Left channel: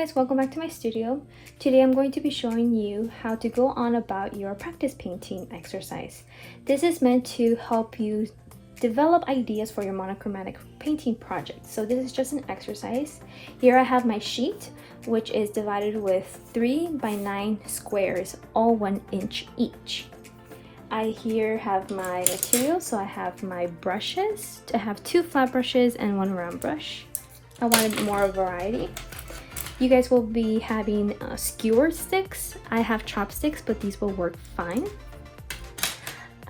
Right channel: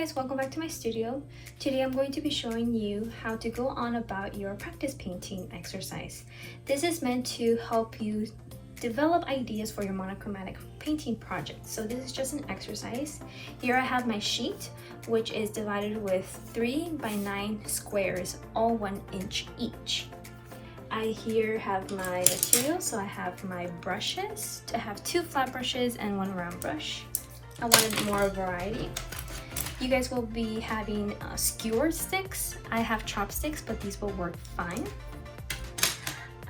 guys, welcome back to my studio. Today I'm going to be showing you how to go on about your practice painting exercise. This is meant to help you develop ideas for your monochromatic painting project. So this is just an exercise. Here I have my sheet, which is divided with 3 by 9 squares, all 1 inch each. I here have my material, so I have my brushes. I have 2 flat brushes and 1 round brush. I wanted more variety. You guys will be having skewer sticks. I have chopsticks, but these will work fine.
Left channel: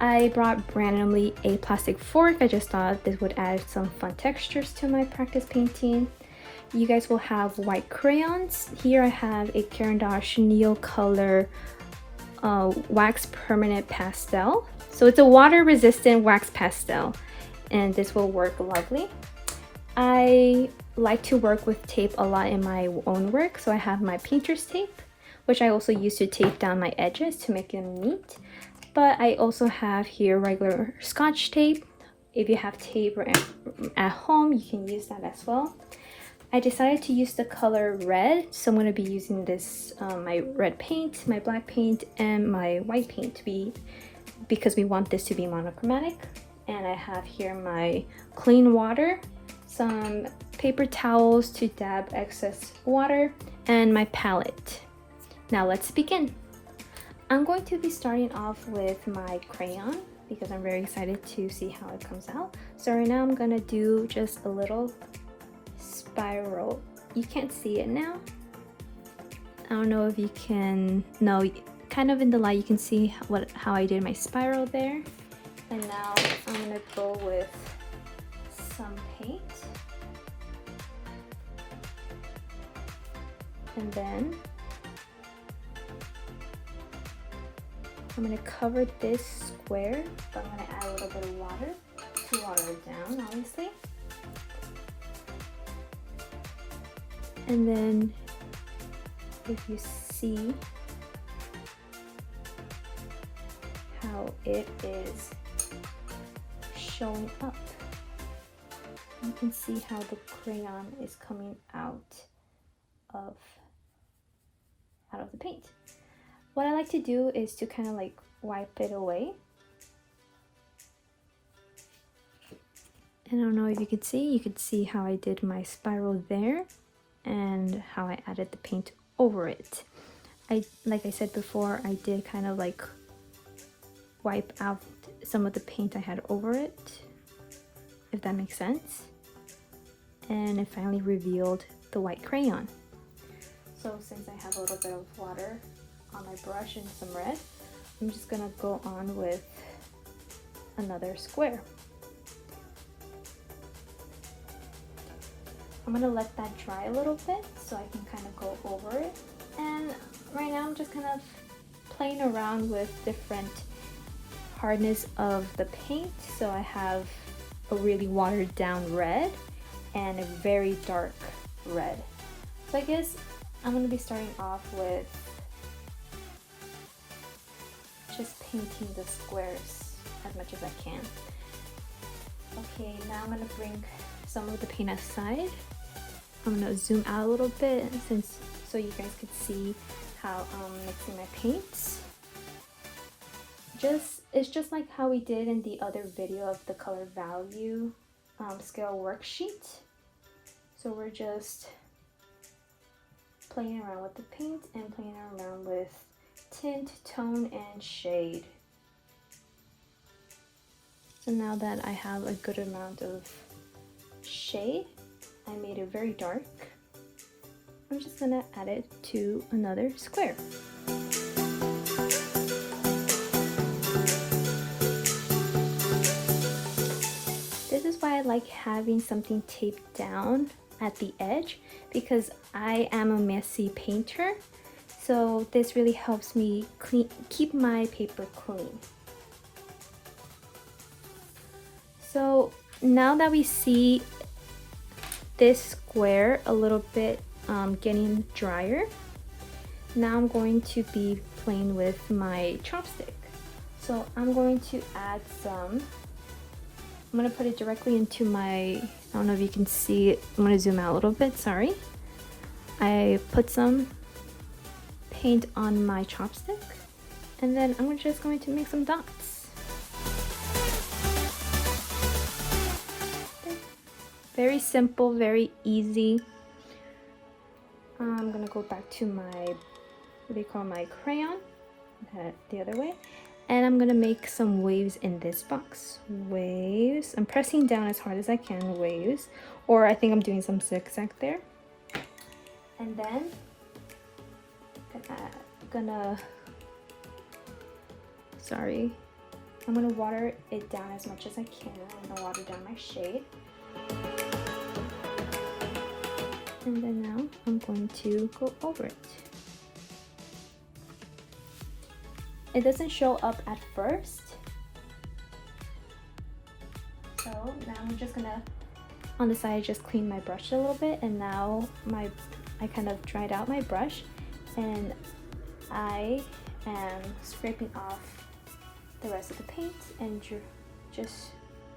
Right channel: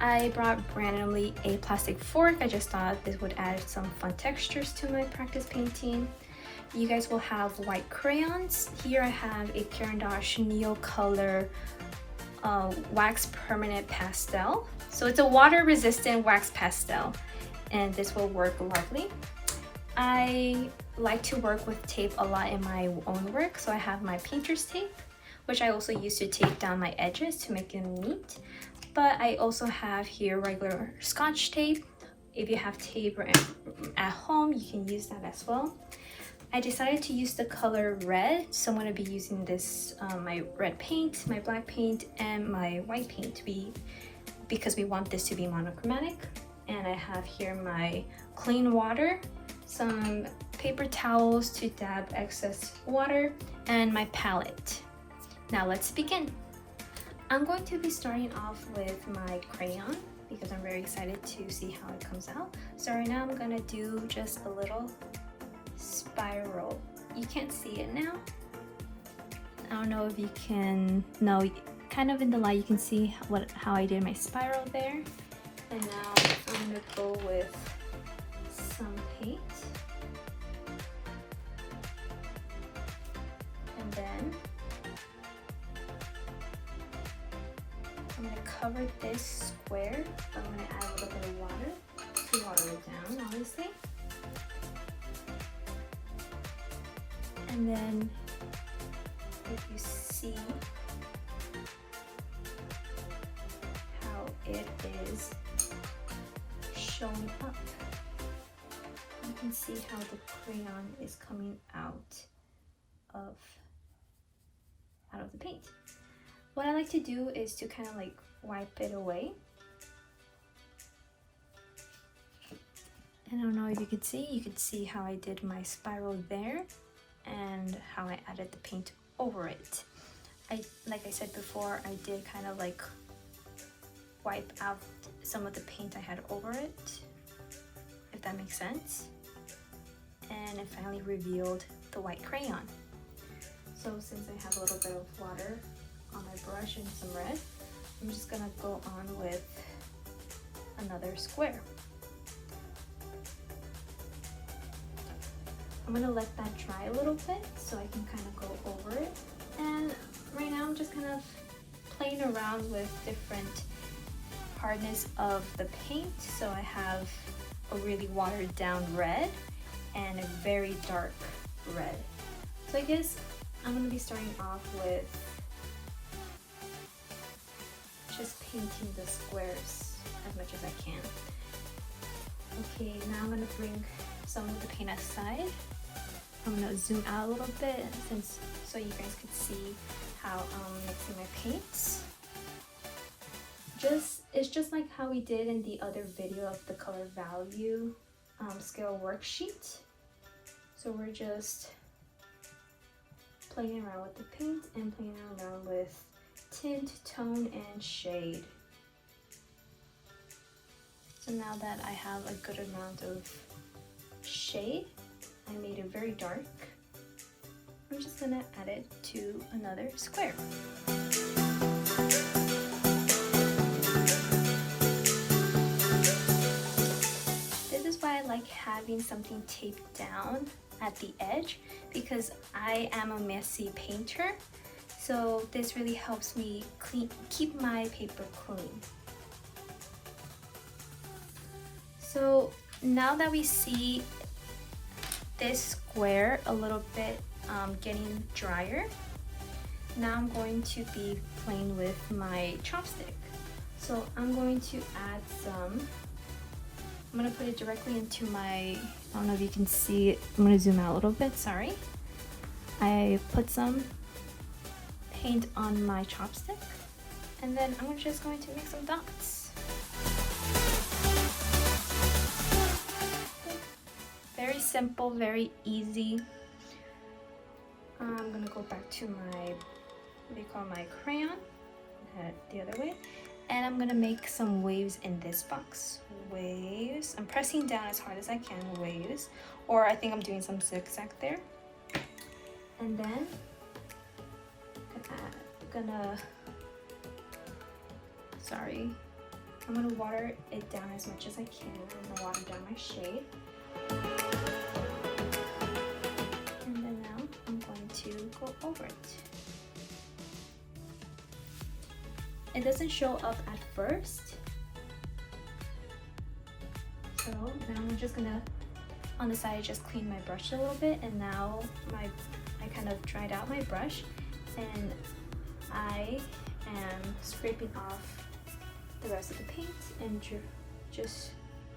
I brought randomly a plastic fork. I just thought this would add some fun textures to my practice painting. You guys will have white crayons. Here I have a Caran d'Ache Neil Color wax permanent pastel. So it's a water resistant wax pastel, and this will work lovely. I like to work with tape a lot in my own work, so I have my painter's tape, which I also use to tape down my edges to make them neat. But I also have here regular Scotch tape. If you have tape at home, you can use that as well. I decided to use the color red, so I'm going to be using this my red paint, my black paint, and my white paint because we want this to be monochromatic. And I have here my clean water, some paper towels to dab excess water, and my palette. Now let's begin. I'm going to be starting off with my crayon because I'm very excited to see how it comes out. So right now I'm gonna do just a little spiral. You can't see it now. I don't know if you can, no, kind of in the light you can see how I did my spiral there. And now I'm gonna go with some paint. And then I'm going to cover this square, but I'm going to add a little bit of water to water it down, obviously. And then if you see how it is showing up, you can see how the crayon is coming out of the paint. What I like to do is to kind of like wipe it away. And I don't know if you could see how I did my spiral there and how I added the paint over it. Like I said before, I did kind of like wipe out some of the paint I had over it, if that makes sense. And it finally revealed the white crayon. So since I have a little bit of water on my brush and some red, I'm just gonna go on with another square. I'm gonna let that dry a little bit so I can kind of go over it. And right now I'm just kind of playing around with different hardness of the paint. So I have a really watered down red and a very dark red. So I guess I'm going to be starting off with just painting the squares as much as I can. Okay, now I'm going to bring some of the paint aside. I'm going to zoom out a little bit so you guys can see how I'm mixing my paints. It's just like how we did in the other video of the color value scale worksheet. So we're just playing around with the paint and playing around with tint, tone, and shade. So now that I have a good amount of shade, I made it very dark. I'm just gonna add it to another square. This is why I like having something taped down at the edge, because I am a messy painter, so this really helps me keep my paper clean. So now that we see this square a little bit getting drier, now I'm going to be playing with my chopstick. So I'm going to add some, I'm going to put it directly into my, I don't know if you can see it, I'm going to zoom out a little bit, sorry. I put some paint on my chopstick, and then I'm just going to make some dots. Very simple, very easy. I'm gonna go back to my, what do you call, my crayon, the other way, and I'm gonna make some waves in this box. Waves. I'm pressing down as hard as I can. Waves, or I think I'm doing some zigzag there. And then I'm gonna water it down as much as I can. I'm gonna water down my shade. And then now I'm going to go over it. It doesn't show up at first. So now I'm just gonna, on the side, just clean my brush a little bit, and now I kind of dried out my brush, and I am scraping off the rest of the paint and just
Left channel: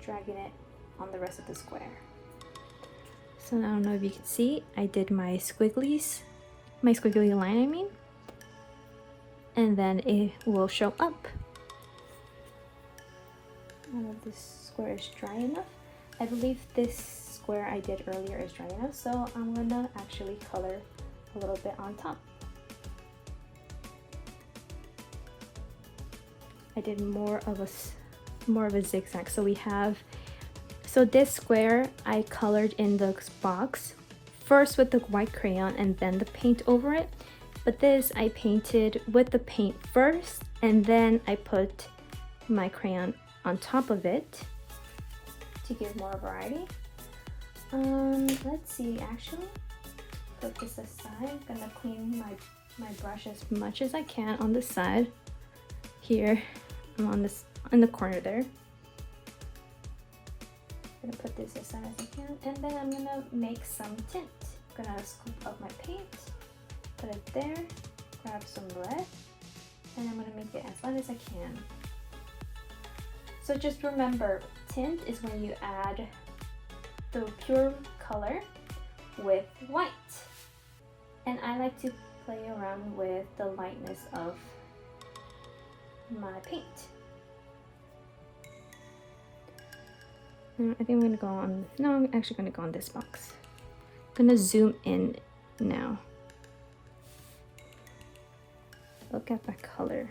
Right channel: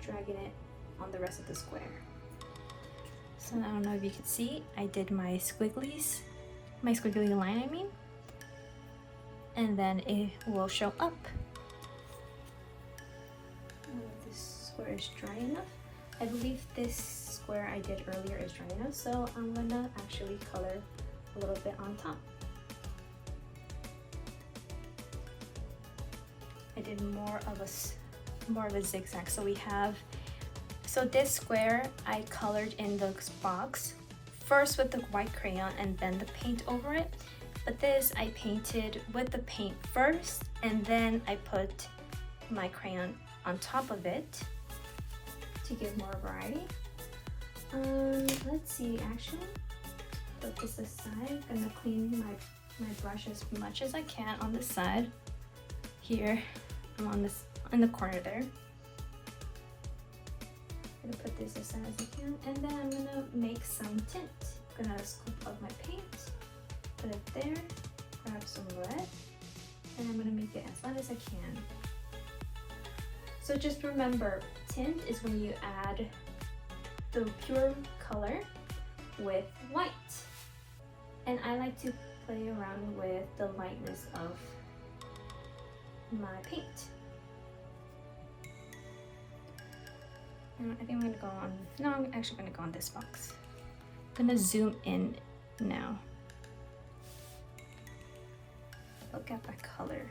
dragging it on the rest of the square. So I don't know if you can see, I did my squigglies, my squiggly line I mean, and then it will show up. I don't know if this square is dry enough. I believe this square I did earlier is dry enough, so I'm gonna actually color a little bit on top. I did more of a zigzag. So this square I colored in the box first with the white crayon and then the paint over it. But this I painted with the paint first, and then I put my crayon on top of it to give more variety. Let's see, actually, put this aside. I'm gonna clean my brush as much as I can on this side. Here, I'm on this, in the corner there. I'm gonna put this aside as I can, and then I'm gonna make some tint. I'm gonna scoop up my paint, put it there, grab some red, and I'm gonna make it as light as I can. So just remember, tint is when you add the pure color with white. And I like to play around with the lightness of my paint. I think I'm gonna go on, no, I'm actually gonna go on this box. I'm gonna zoom in now. Look at that color.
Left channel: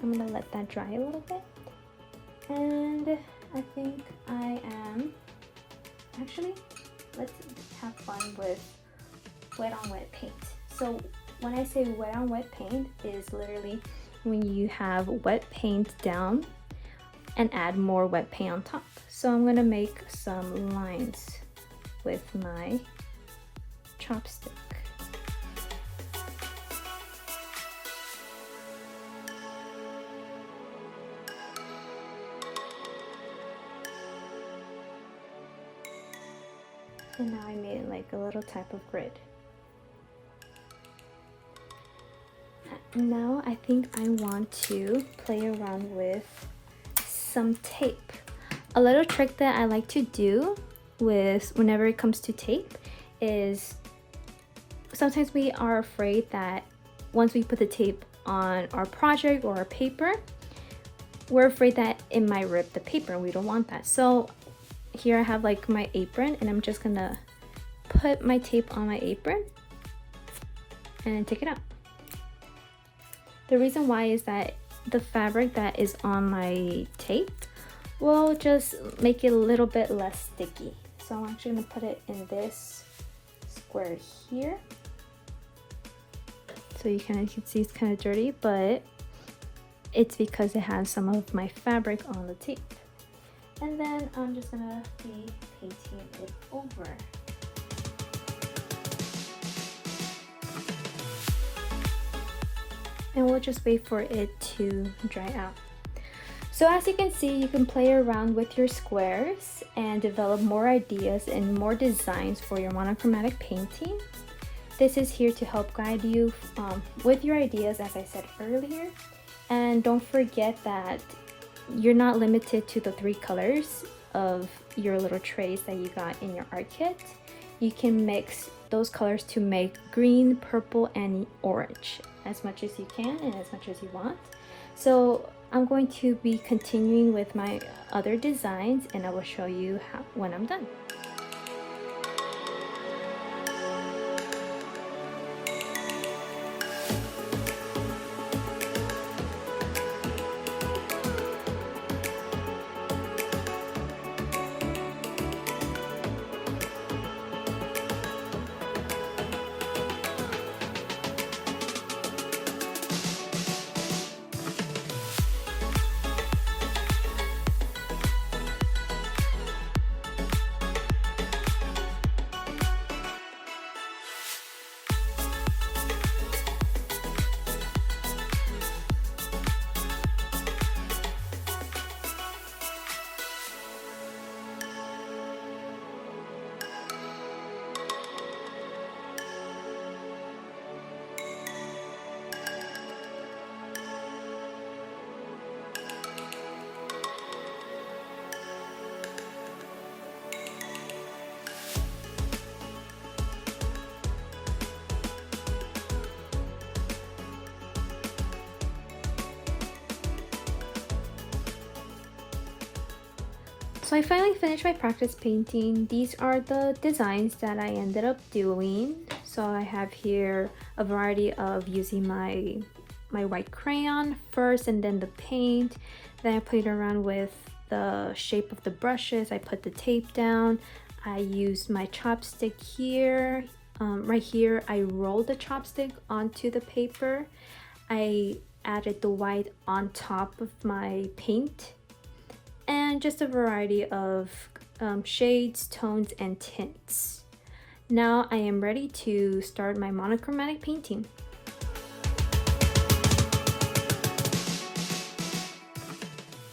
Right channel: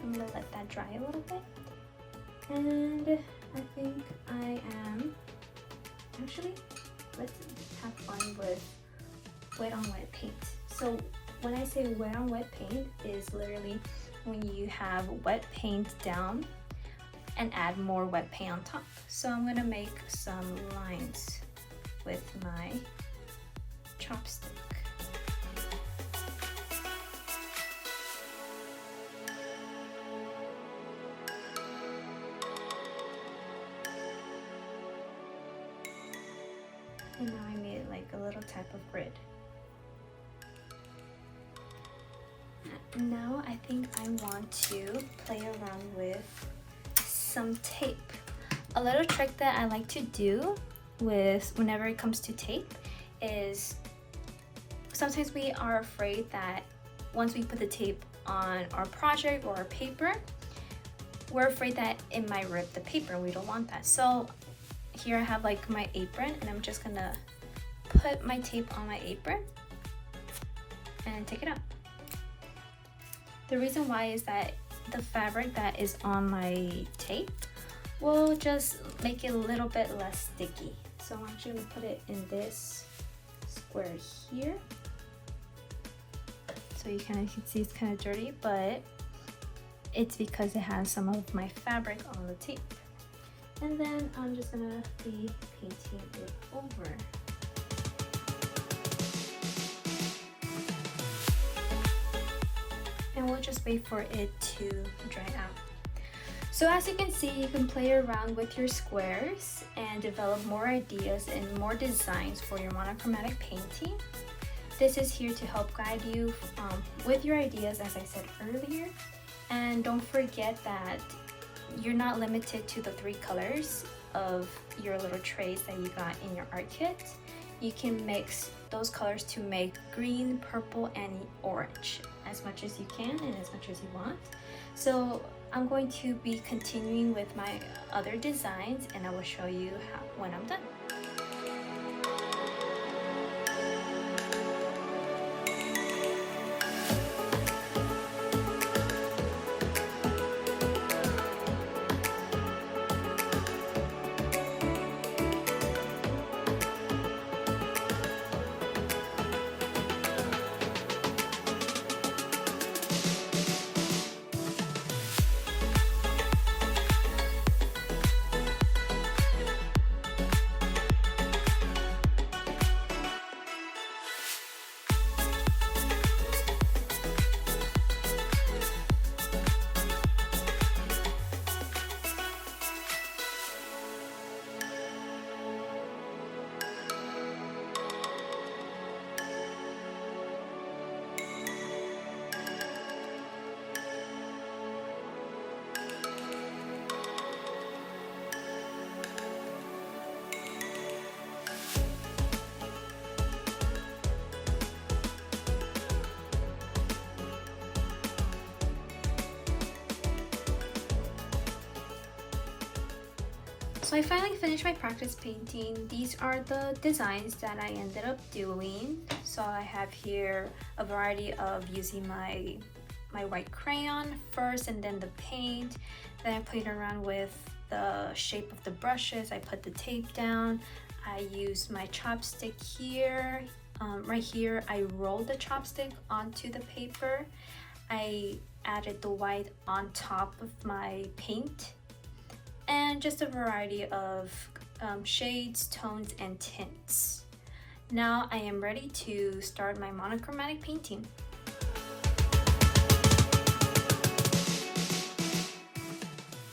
I'm gonna let that dry a little bit. And I think I am, actually, let's have fun with wet on wet paint. So when I say wet on wet paint is literally when you have wet paint down and add more wet paint on top. So I'm gonna make some lines with my chopstick. And now I made like a little type of grid. Now I think I want to play around with some tape. A little trick that I like to do with whenever it comes to tape is sometimes we are afraid that once we put the tape on our project or our paper, we're afraid that it might rip the paper. We don't want that. So here I have like my apron, and I'm just gonna put my tape on my apron and take it out. The reason why is that the fabric that is on my tape will just make it a little bit less sticky. So I'm actually gonna put it in this square here. So you can see it's kind of dirty, but it's because it has some of my fabric on the tape. And then I'm just gonna be painting it over. And we'll just wait for it to dry out. So as you can see, you can play around with your squares and develop more ideas and more designs for your monochromatic painting. This is here to help guide you with your ideas, as I said earlier. And don't forget that you're not limited to the 3 colors of your little trays that you got in your art kit. You can mix those colors to make green, purple, and orange as much as you can and as much as you want. So I'm going to be continuing with my other designs, and I will show you when I'm done. So I finally finished my practice painting. These are the designs that I ended up doing. So I have here a variety of using my white crayon first, and then the paint. Then I played around with the shape of the brushes. I put the tape down. I used my chopstick here. Right here, I rolled the chopstick onto the paper. I added the white on top of my paint, and just a variety of shades, tones, and tints. Now I am ready to start my monochromatic painting.